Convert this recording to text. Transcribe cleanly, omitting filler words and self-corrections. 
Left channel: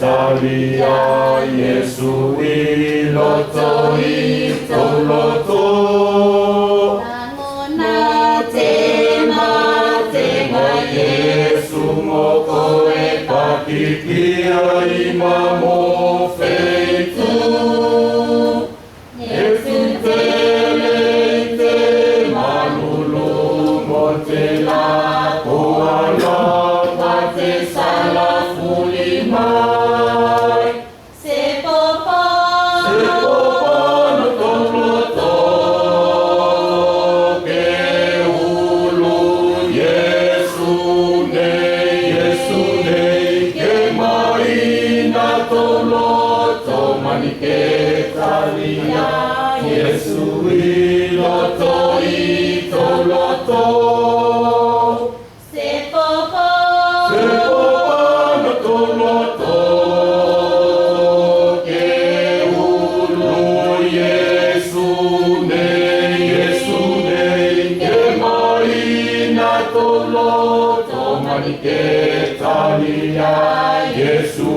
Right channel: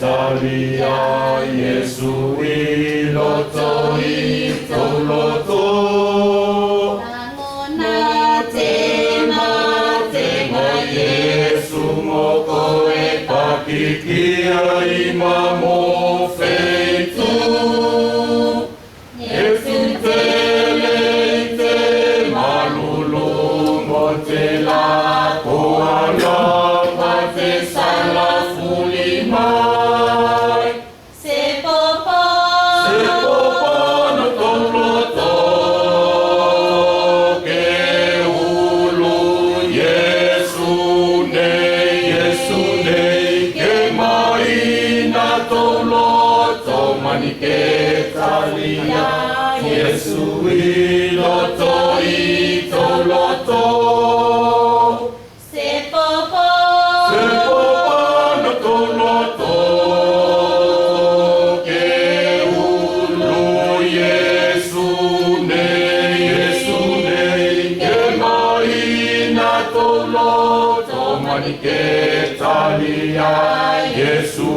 Talia Yesu iloto itoloto Nangona tema Yesu moko e pakikia imamo feitu Yesu teleite malulu montela koala mate sala fulima Yesu iloto itoloto Sepopo notoloto Ke ulu Yesu ne Ke maina toloto manike talia Yesu